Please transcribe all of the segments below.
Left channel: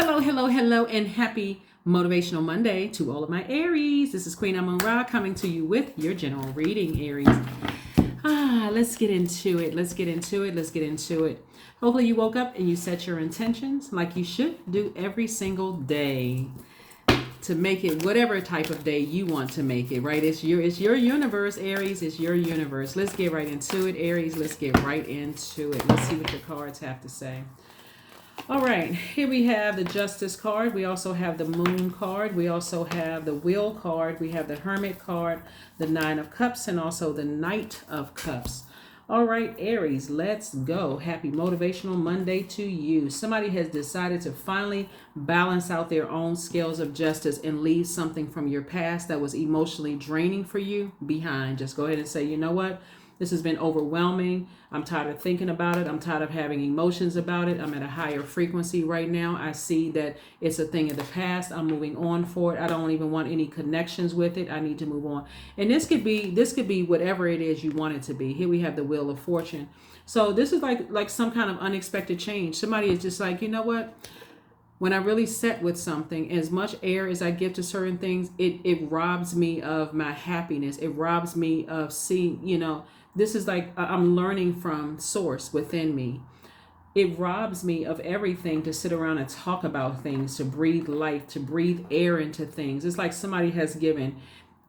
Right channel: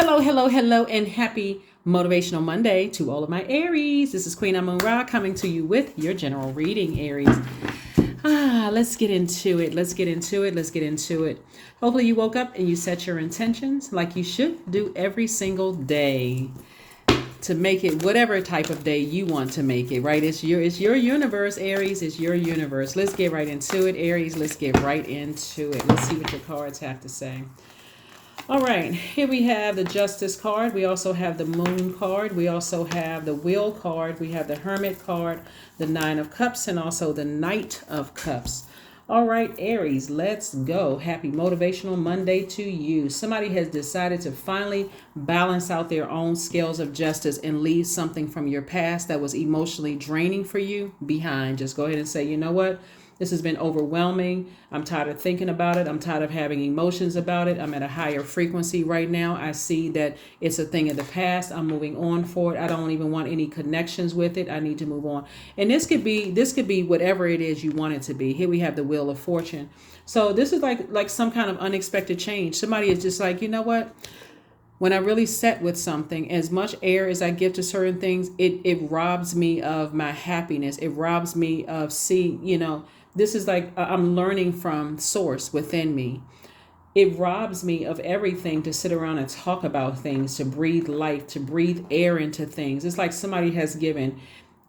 Hello, hello, hello, and happy Motivational Monday to all of my Aries. This is Queen Amon-Ra coming to you with your general reading, Aries. Let's get into it. Let's get into it. Let's get into it. Hopefully you woke up and you set your intentions like you should do every single day to make it whatever type of day you want to make it, right? It's your universe, Aries. It's your universe. Let's get right into it, Aries. Let's get right into it. Let's see what your cards have to say. All right, here we have the Justice card. We also have the Moon card. We also have the Wheel card. We have the Hermit card, the Nine of Cups, and also the Knight of Cups. All right, Aries, let's go. Happy Motivational Monday to you. Somebody has decided to finally balance out their own scales of justice and leave something from your past that was emotionally draining for you behind. Just go ahead and say, you know what? This has been overwhelming. I'm tired of thinking about it. I'm tired of having emotions about it. I'm at a higher frequency right now. I see that it's a thing of the past. I'm moving on for it. I don't even want any connections with it. I need to move on. And this could be whatever it is you want it to be. Here we have the Wheel of Fortune. So this is like some kind of unexpected change. Somebody is just like, you know what? When I really set with something, as much air as I give to certain things, it robs me of my happiness. It robs me of seeing, this is like I'm learning from source within me. It robs me of everything to sit around and talk about things, to breathe life, to breathe air into things. It's like somebody has given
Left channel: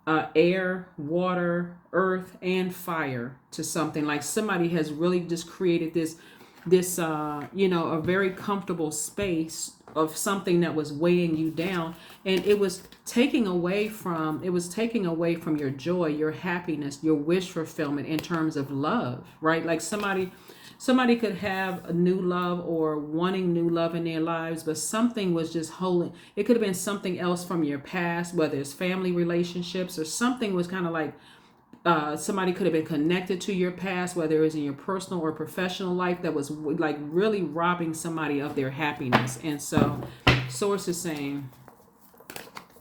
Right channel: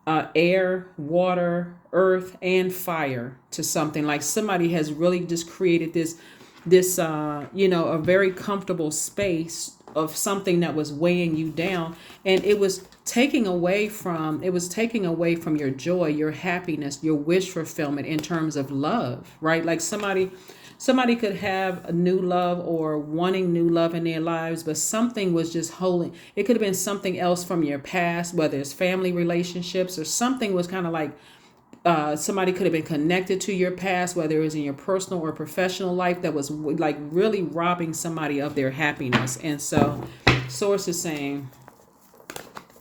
air, water, earth, and fire to something. Like somebody has really just created this a very comfortable space of something that was weighing you down, and it was taking away from your joy, your happiness, your wish fulfillment in terms of love, right? Like somebody could have a new love or wanting new love in their lives, but something was just holding. It could have been something else from your past, whether it's family relationships or something was kind of like somebody could have been connected to your past, whether it was in your personal or professional life, that was like really robbing somebody of their happiness. And so source is saying,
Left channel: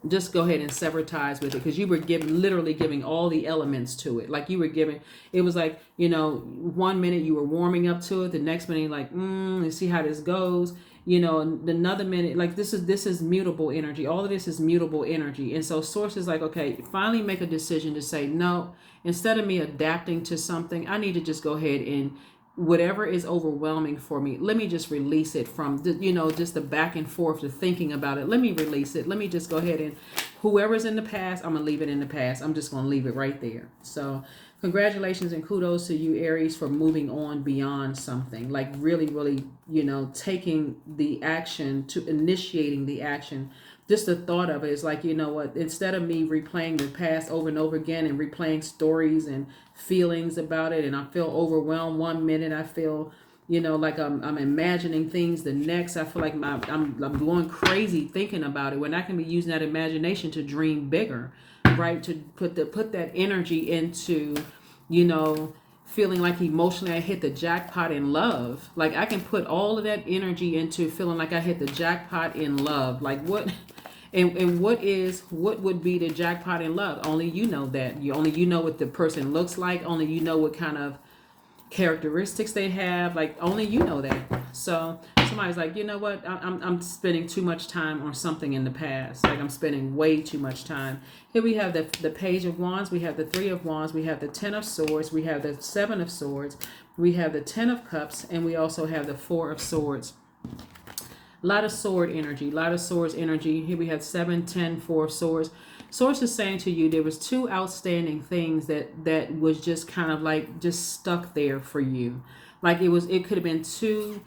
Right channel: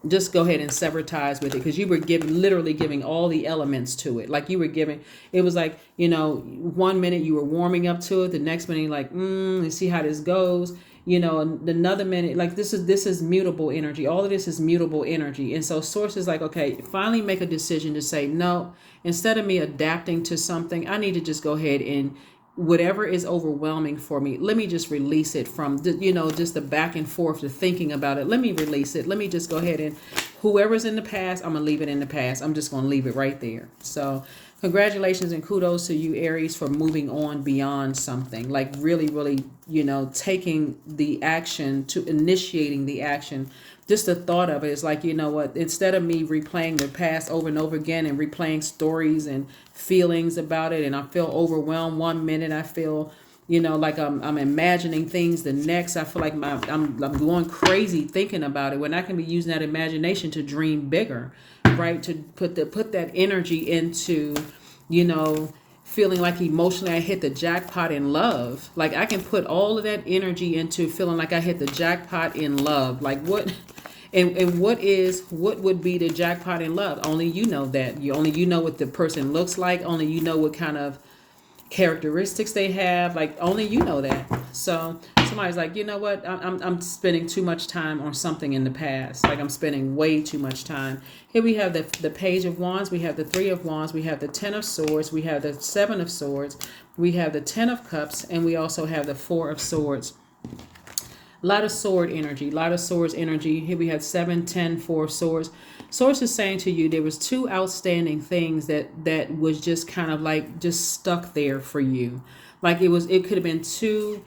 just go ahead and sever ties with it, because you were literally giving all the elements to it. Like you were giving, it was like, 1 minute you were warming up to it, the next minute you're like, let's see how this goes. Another minute, like this is mutable energy. All of this is mutable energy. And so source is like, okay, finally make a decision to say, no, instead of me adapting to something, I need to just go ahead and whatever is overwhelming for me, let me just release it from just the back and forth, the thinking about it. Let me release it. Let me just go ahead and whoever's in the past, I'm gonna leave it in the past. I'm just gonna leave it right there. So congratulations and kudos to you, Aries, for moving on beyond something. Like really, really, taking the action, to initiating the action. Just the thought of it is like, you know what, instead of me replaying the past over and over again and replaying stories and feelings about it, and I feel overwhelmed 1 minute, I feel, like I'm imagining things the next. I feel like I'm going crazy thinking about it, when I can be using that imagination to dream bigger, right? To put that energy into, feeling like emotionally I hit the jackpot in love. Like I can put all of that energy into feeling like I hit the jackpot in love. Like what and what would be the jackpot in love? Only you know that. You know what the person looks like. Only you know what kind of characteristics they have. Like only you know that. So somebody's like, you know what, I'm spending too much time on something in the past. Like I'm spending way too much time. Here we have the Page of Wands, we have the Three of Wands, we have the Ten of Swords, we have the Seven of Swords, we have the Ten of Cups, and we also have the Four of Swords. A lot of sword energy, a lot of swords energy. Here we have 7, 10, 4 swords. Source is saying to you there was two outstanding things that was just kind of like just stuck there for you. Like it could have been two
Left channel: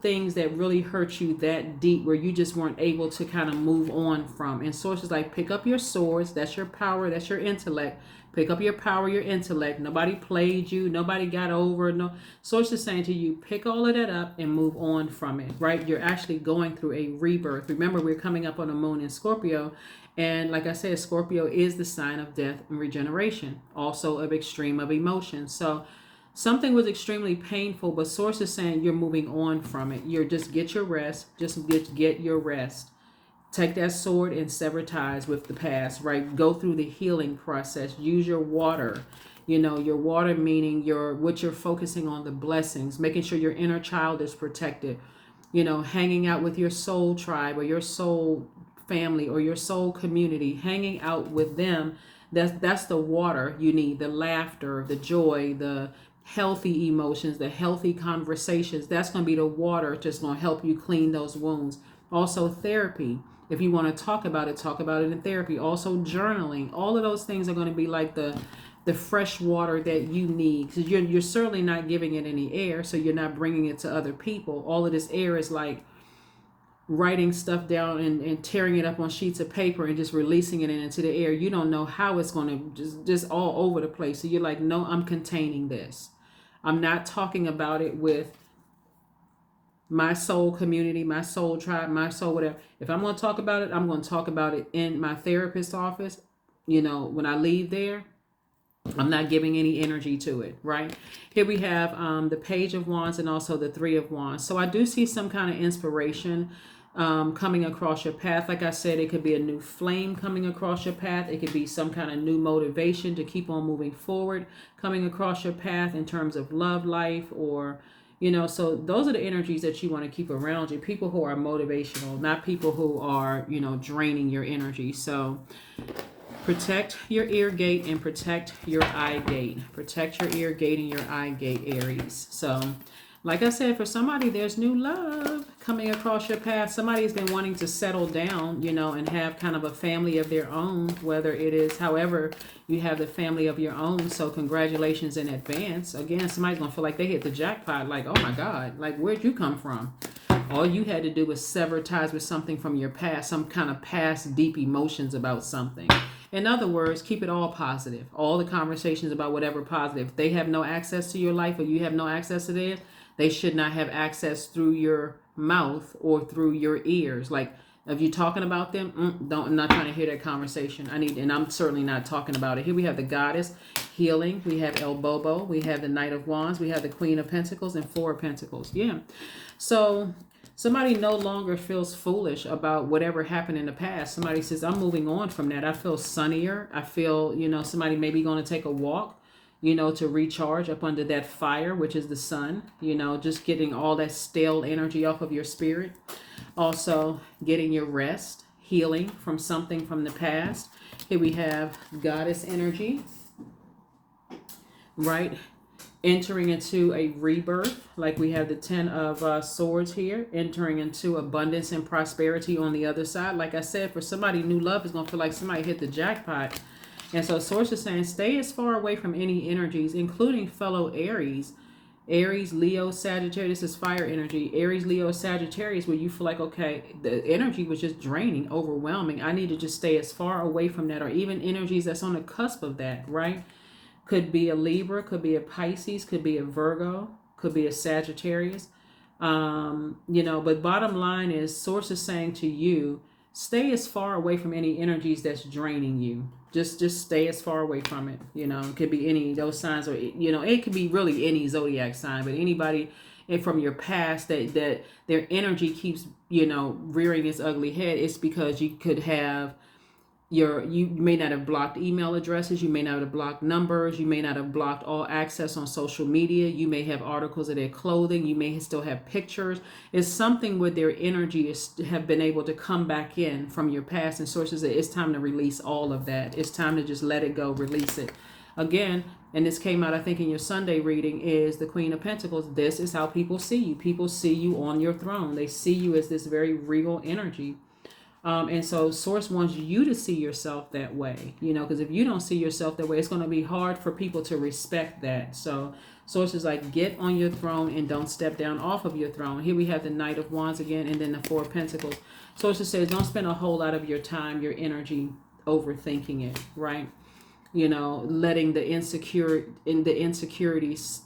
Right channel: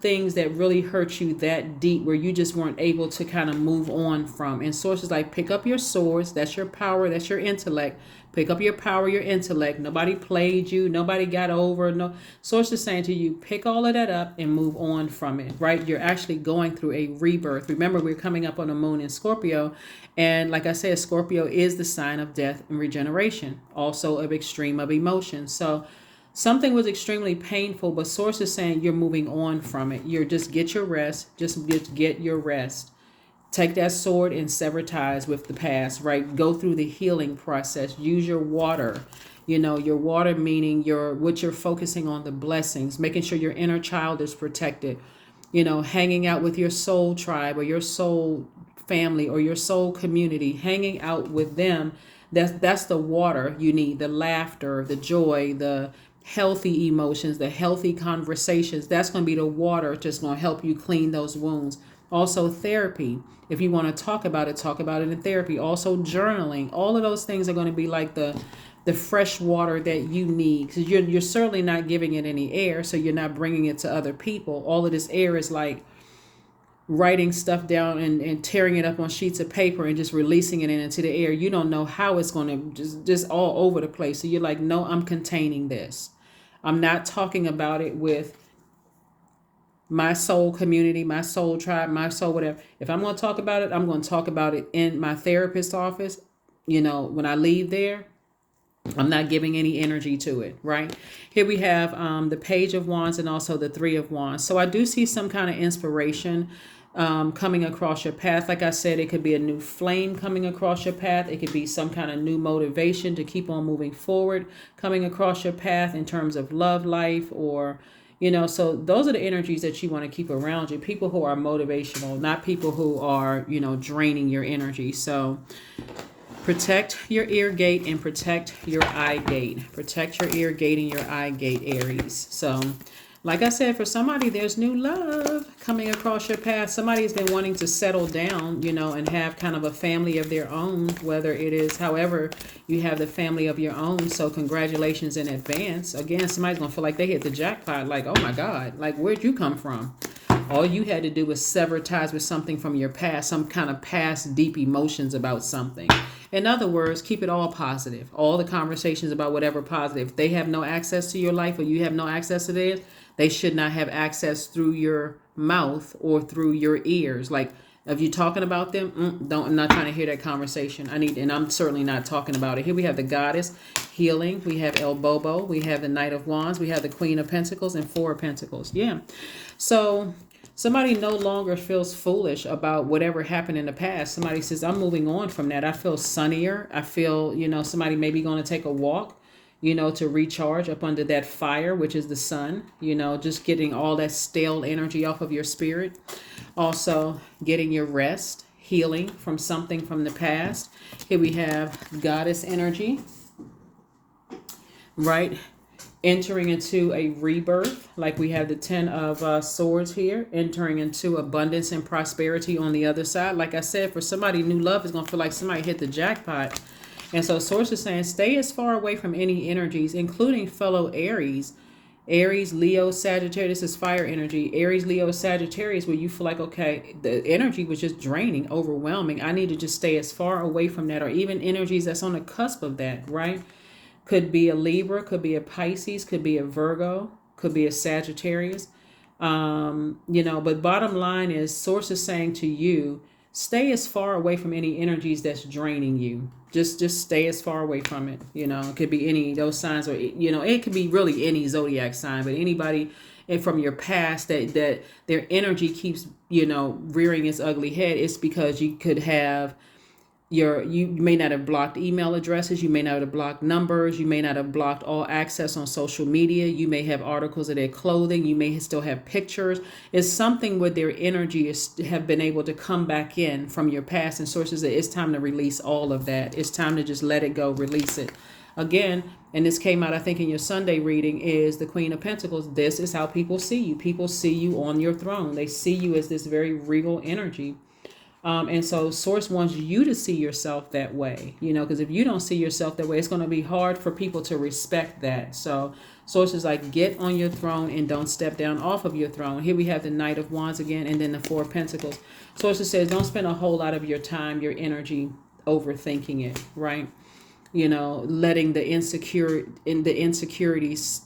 things that really hurt you that deep, where you just weren't able to kind of move on from. And source is like, pick up your swords. That's your power. That's your intellect. Pick up your power, your intellect. Nobody played you. Nobody got over. No. Source is saying to you, pick all of that up and move on from it, right? You're actually going through a rebirth. Remember, we're coming up on the moon in Scorpio. And like I said, Scorpio is the sign of death and regeneration, also of extreme of emotion. So something was extremely painful, but source is saying you're moving on from it. You're just get your rest. Just get your rest. Take that sword and sever ties with the past, right? Go through the healing process. Use your water. Your water meaning what you're focusing on, the blessings, making sure your inner child is protected. hanging out with your soul tribe or your soul family or your soul community, hanging out with them. That's the water you need, the laughter, the joy, the healthy emotions, the healthy conversations. That's going to be the water just going to help you clean those wounds. Also, therapy. If you want to talk about it in therapy. Also, journaling. All of those things are going to be like the fresh water that you need, because you're certainly not giving it any air, so you're not bringing it to other people. All of this air is like writing stuff down and tearing it up on sheets of paper and just releasing it into the air. You don't know how it's going to just all over the place. So you're like, no, I'm containing this. I'm not talking about it with my soul community, my soul tribe, my soul whatever. If I'm going to talk about it, I'm going to talk about it in my therapist's office. When I leave there, I'm not giving any energy to it, right? Here we have the Page of Wands and also the Three of Wands. So I do see some kind of inspiration coming across your path. Like I said, it could be a new flame coming across your path. It could be some kind of new motivation to keep on moving forward coming across your path in terms of love life or, so those are the energies that you want to keep around you. People who are motivational, not people who are, draining your energy. So protect your ear gate and protect your eye gate. Protect your ear gate and your eye gate, Aries. So, like I said, for somebody, there's new love coming across your path. Somebody's been wanting to settle down, and have kind of a family of their own, whether it is, however, you have the family of your own. So congratulations in advance. Again, somebody's going to feel like they hit the jackpot. Like, oh my God, like where'd you come from? All you had to do was sever ties with something from your past, some kind of past deep emotions about something. In other words, keep it all positive. All the conversations about whatever positive. If they have no access to your life or you have no access to theirs, they should not have access through your mouth or through your ears. Like, if you're talking about them, I'm not trying to hear that conversation. And I'm certainly not talking about it. Here we have the Goddess, healing. We have El Bobo. We have the Knight of Wands. We have the Queen of Pentacles and Four of Pentacles. Yeah. So somebody no longer feels foolish about whatever happened in the past. Somebody says, I'm moving on from that. I feel sunnier. I feel, somebody may be going to take a walk, to recharge up under that fire, which is the sun, just getting all that stale energy off of your spirit. Also getting your rest, healing from something from the past. Here we have Goddess energy, right? Entering into a rebirth, like we have the Ten of Swords here, entering into abundance and prosperity on the other side. Like I said, for somebody, new love is going to feel like somebody hit the jackpot. And so Source is saying, stay as far away from any energies, including fellow Aries. Aries, Leo, Sagittarius is fire energy. Aries, Leo, Sagittarius, where you feel like, okay, the energy was just draining, overwhelming. I need to just stay as far away from that, or even energies that's on the cusp of that, right? Could be a Libra, could be a Pisces, could be a Virgo, could be a Sagittarius. But bottom line is, Source is saying to you, stay as far away from any energies that's draining you. Just stay as far away from it. It could be any of those signs, or it could be really any zodiac sign, but anybody from your past that their energy keeps rearing its ugly head. It's because you could have you may not have blocked email addresses, you may not have blocked numbers, you may not have blocked all access on social media, you may have articles of their clothing, you may still have pictures. It's something where their energy have been able to come back in from your past, and Sources that it's time to release all of that. It's time to just let it go, release it. Again, and this came out, I think, in your Sunday reading, is the Queen of Pentacles. This is how people see you. People see you on your throne. They see you as this very regal energy. And so Source wants you to see yourself that way, because if you don't see yourself that way, it's going to be hard for people to respect that. So Source is like, get on your throne and don't step down off of your throne. Here we have the Knight of Wands again, and then the Four of Pentacles. Source says, don't spend a whole lot of your time, your energy overthinking it, right? Letting the insecurities,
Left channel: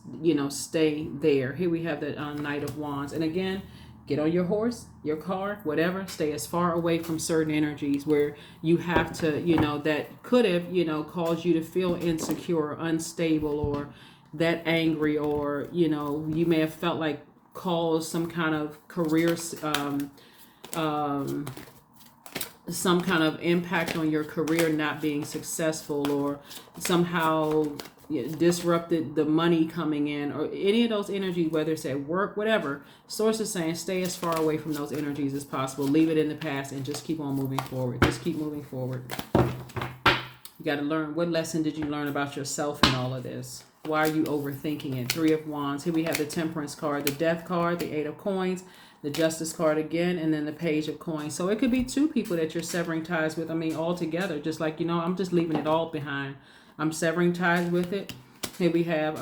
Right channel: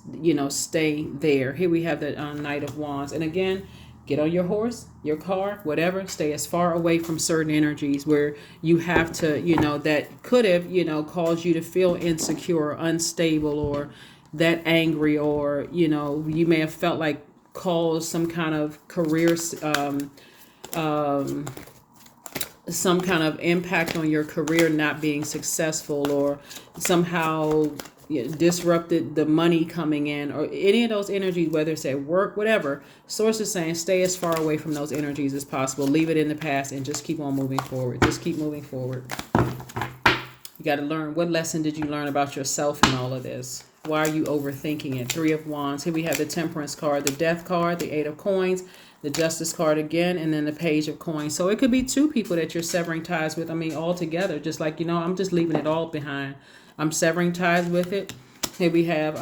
stay there. Here we have the Knight of Wands. And again, get on your horse, your car, whatever. Stay as far away from certain energies where you have to, that could have, caused you to feel insecure, unstable, or that angry, or, you may have felt like caused some kind of career, some kind of impact on your career not being successful, or somehow disrupted the money coming in, or any of those energies, whether it's at work, whatever. Source is saying stay as far away from those energies as possible. Leave it in the past and just keep on moving forward. Just keep moving forward. You got to learn. What lesson did you learn about yourself in all of this? Why are you overthinking it? 3 of Wands. Here we have the Temperance card, the Death card, the 8 of Coins, the Justice card again, and then the Page of Coins. So it could be 2 people that you're severing ties with. I mean, all together. Just like, I'm just leaving it all behind. I'm severing ties with it. Here we have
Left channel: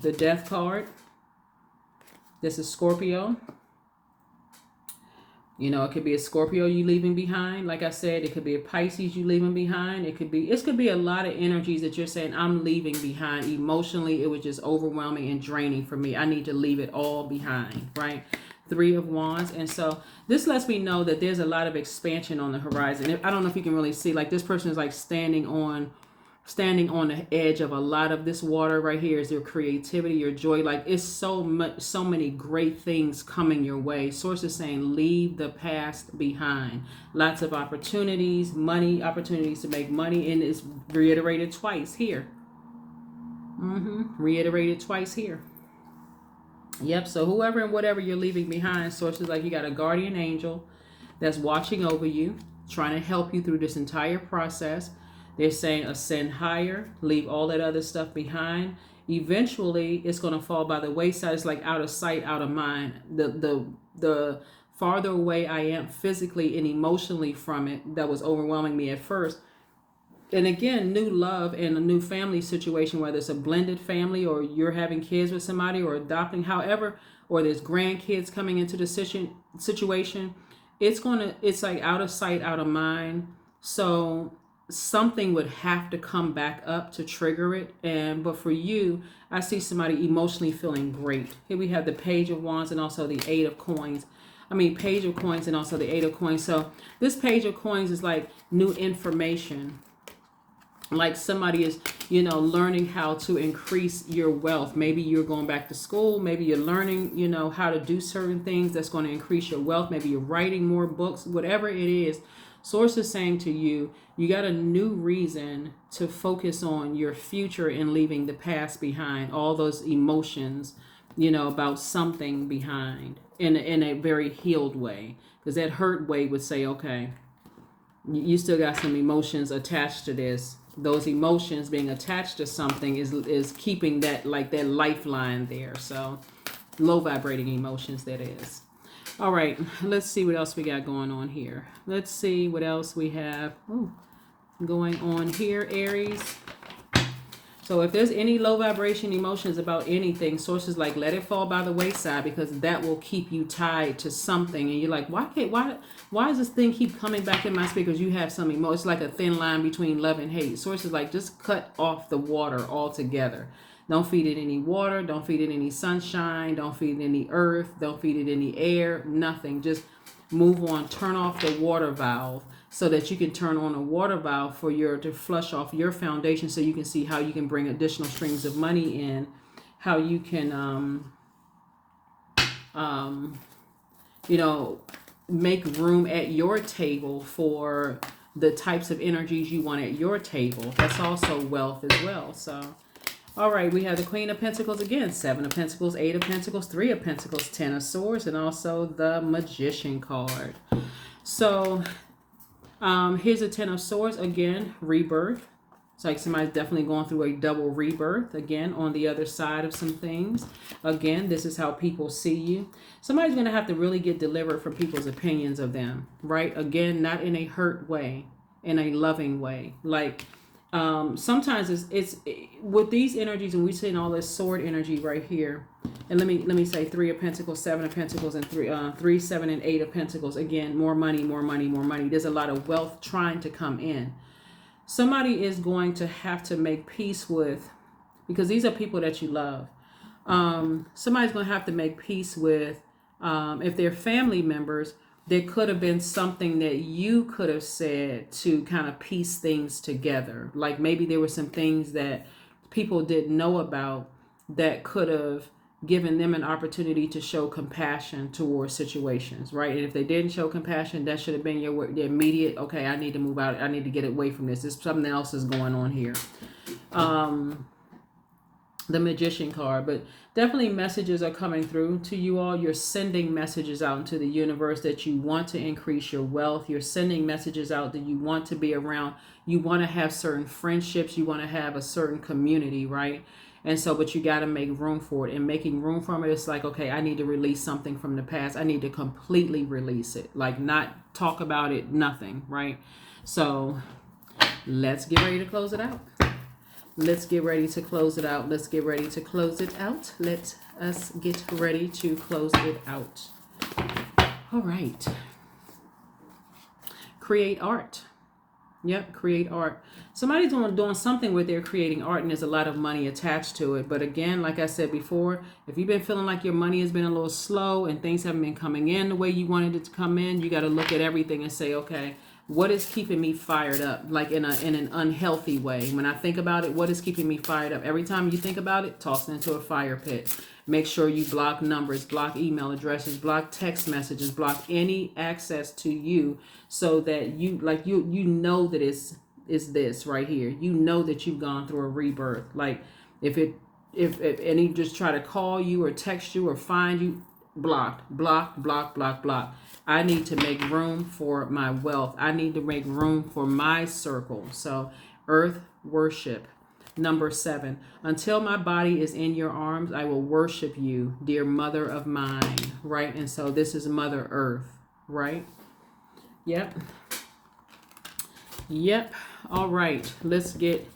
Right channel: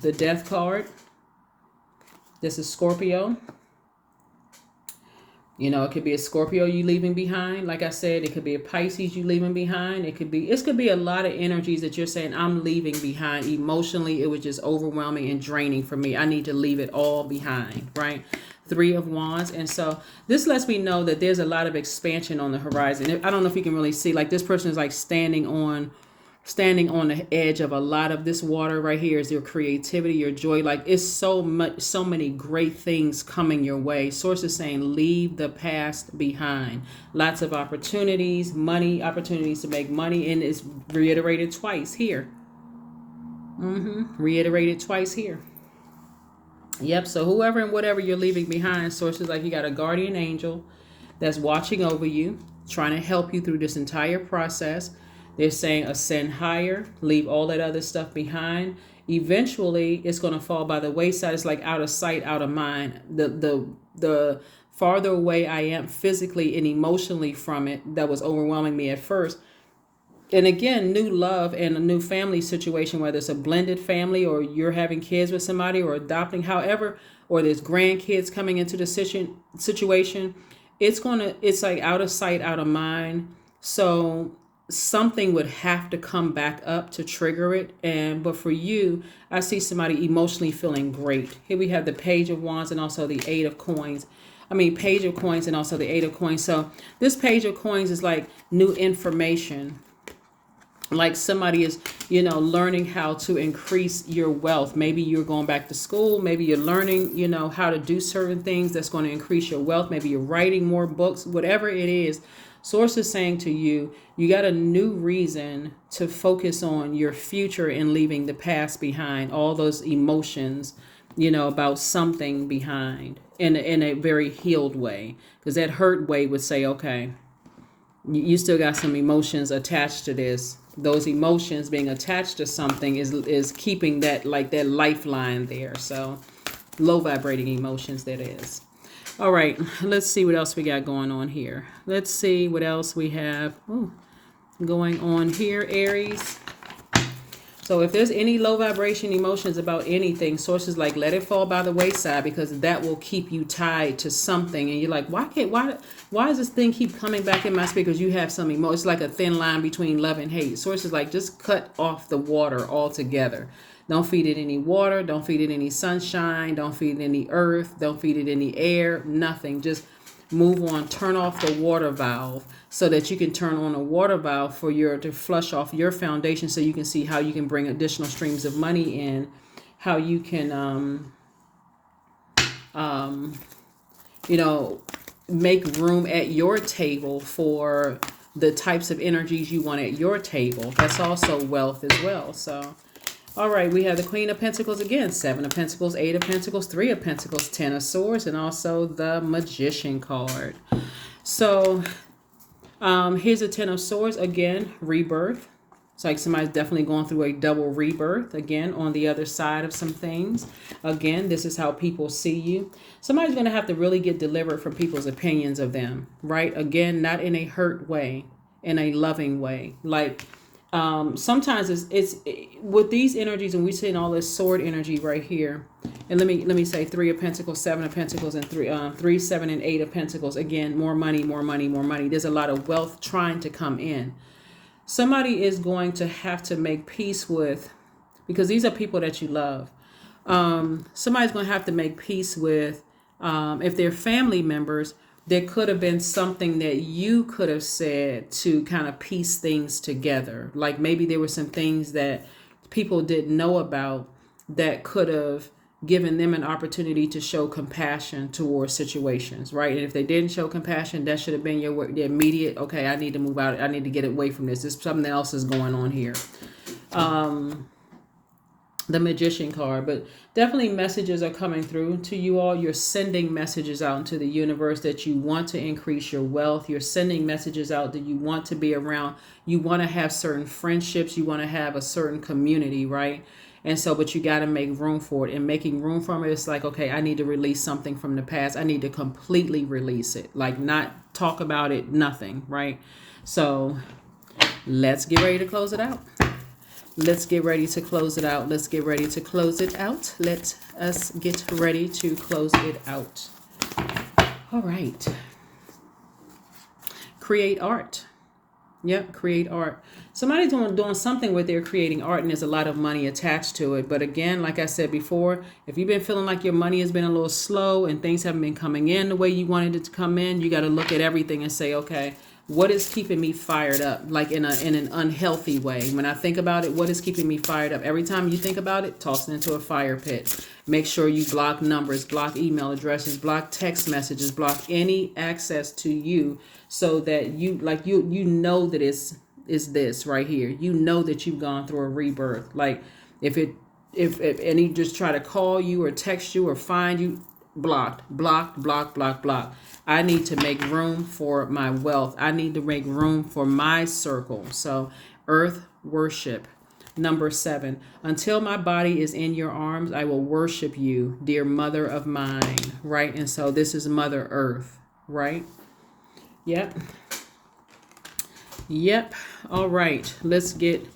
the Death card. This is Scorpio. It could be a Scorpio you leaving behind. Like I said, it could be a Pisces you leaving behind. It could be a lot of energies that you're saying, I'm leaving behind. Emotionally, it was just overwhelming and draining for me. I need to leave it all behind, right? 3 of Wands. And so this lets me know that there's a lot of expansion on the horizon. I don't know if you can really see, like this person is like standing on the edge of a lot of this water right here is your creativity, your joy. Like it's so many great things coming your way. Source is saying leave the past behind. Lots of opportunities to make money, and it's reiterated twice here. Reiterated twice here. Yep. So whoever and whatever you're leaving behind, source is like you got a guardian angel that's watching over you, trying to help you through this entire process. They're saying ascend higher, leave all that other stuff behind. Eventually, it's going to fall by the wayside. It's like out of sight, out of mind. The farther away I am physically and emotionally from it, that was overwhelming me at first. And again, new love and a new family situation, whether it's a blended family or you're having kids with somebody or adopting, however, or there's grandkids coming into the situation, it's like out of sight, out of mind. So something would have to come back up to trigger it. But for you, I see somebody emotionally feeling great. Here we have the Page of Wands and also the 8 of Coins. Page of Coins and also the 8 of Coins. So this Page of Coins is like new information. Like somebody is, learning how to increase your wealth. Maybe you're going back to school. Maybe you're learning, how to do certain things that's going to increase your wealth. Maybe you're writing more books, whatever it is. Source is saying to you, you got a new reason to focus on your future and leaving the past behind, all those emotions, about something behind in a very healed way. Because that hurt way would say, okay, you still got some emotions attached to this. Those emotions being attached to something is keeping that lifeline there. So low vibrating emotions, that is. All right, let's see what else we got going on here. Let's see what else we have going on here, Aries. So if there's any low vibration emotions about anything, sources like let it fall by the wayside, because that will keep you tied to something. And you're like, why does this thing keep coming back in my spirit? Because you have some emotion. It's like a thin line between love and hate. Sources like just cut off the water altogether. Don't feed it any water. Don't feed it any sunshine. Don't feed it any earth. Don't feed it any air. Nothing. Just move on. Turn off the water valve so that you can turn on a water valve to flush off your foundation, so you can see how you can bring additional streams of money in, how you can, make room at your table for the types of energies you want at your table. That's also wealth as well. So. All right, we have the Queen of Pentacles again, 7 of Pentacles, 8 of Pentacles, 3 of Pentacles, 10 of Swords, and also the Magician card. So here's a 10 of Swords, again, rebirth. It's like somebody's definitely going through a double rebirth, again, on the other side of some things. Again, this is how people see you. Somebody's going to have to really get delivered from people's opinions of them, right? Again, not in a hurt way, in a loving way. Like, sometimes it's with these energies, and we're seeing all this sword energy right here. And let me say 3 of Pentacles, 7 of Pentacles, and 3, 7, and 8 of Pentacles. Again, more money, more money, more money. There's a lot of wealth trying to come in. Somebody is going to have to make peace with, because these are people that you love. Somebody's going to have to make peace with, if they're family members, there could have been something that you could have said to kind of piece things together. Like maybe there were some things that people didn't know about that could have given them an opportunity to show compassion towards situations, right? And if they didn't show compassion, that should have been your immediate, okay, I need to move out. I need to get away from this. Something else is going on here. the Magician card, but definitely messages are coming through to you all. You're sending messages out into the universe that you want to increase your wealth. You're sending messages out that you want to be around. You want to have certain friendships. You want to have a certain community, right? And so, but you got to make room for it. And making room from it, it's like, okay, I need to release something from the past. I need to completely release it, like not talk about it, nothing, right? So let's get ready to close it out. Let's get ready to close it out. Let's get ready to close it out. Let us get ready to close it out. All right. Create art. Yep, create art. Somebody's doing something with their creating art, and there's a lot of money attached to it. But again, like I said before, if you've been feeling like your money has been a little slow and things haven't been coming in the way you wanted it to come in, you got to look at everything and say, okay, what is keeping me fired up, like in an unhealthy way? When I think about it, what is keeping me fired up? Every time you think about it, toss it into a fire pit. Make sure you block numbers, block email addresses, block text messages, block any access to you, so that you know that it's this right here. You know that you've gone through a rebirth. Like if any just try to call you or text you or find you, blocked. I need to make room for my wealth. I need to make room for my circle. So earth worship. Number 7, until my body is in your arms, I will worship you, dear mother of mine. Right? And so this is Mother Earth. Right? Yep. All right. Let's get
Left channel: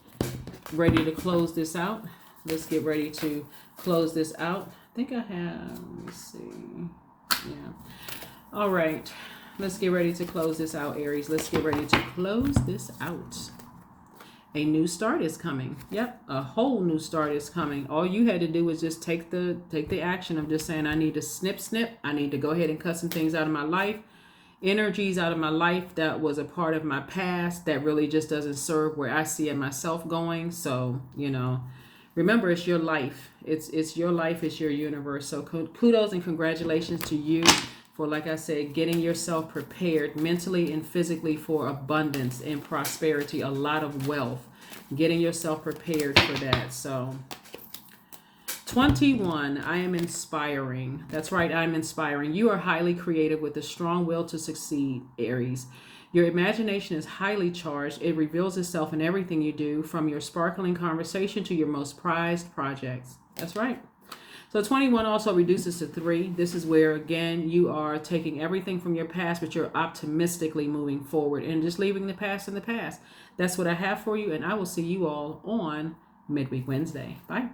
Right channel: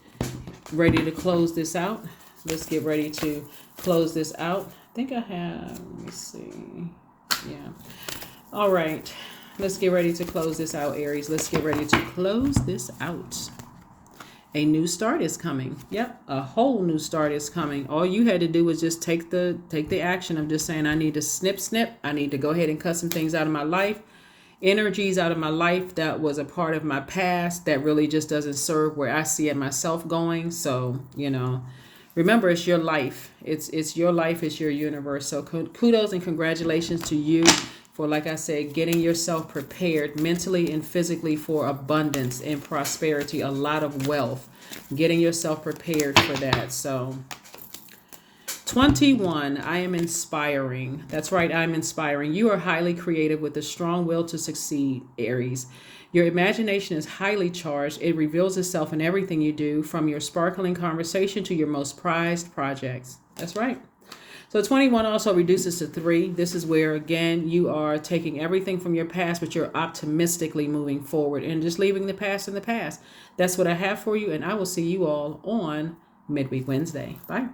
ready to close this out. Let's get ready to close this out. I think I have, let me see. Yeah. All right. Let's get ready to close this out, Aries. Let's get ready to close this out. A new start is coming. Yep, a whole new start is coming. All you had to do was just take the action of just saying, I need to snip. I need to go ahead and cut some things out of my life. Energies out of my life that was a part of my past that really just doesn't serve where I see it myself going. So, remember, it's your life. It's your life. It's your universe. So kudos and congratulations to you for, like I said, getting yourself prepared mentally and physically for abundance and prosperity, a lot of wealth, getting yourself prepared for that. So 21, I am inspiring. That's right, I'm inspiring. You are highly creative with a strong will to succeed, Aries. Your imagination is highly charged. It reveals itself in everything you do, from your sparkling conversation to your most prized projects. That's right. So 21 also reduces to 3. This is where, again, you are taking everything from your past, but you're optimistically moving forward and just leaving the past in the past. That's what I have for you, and I will see you all on Midweek Wednesday. Bye.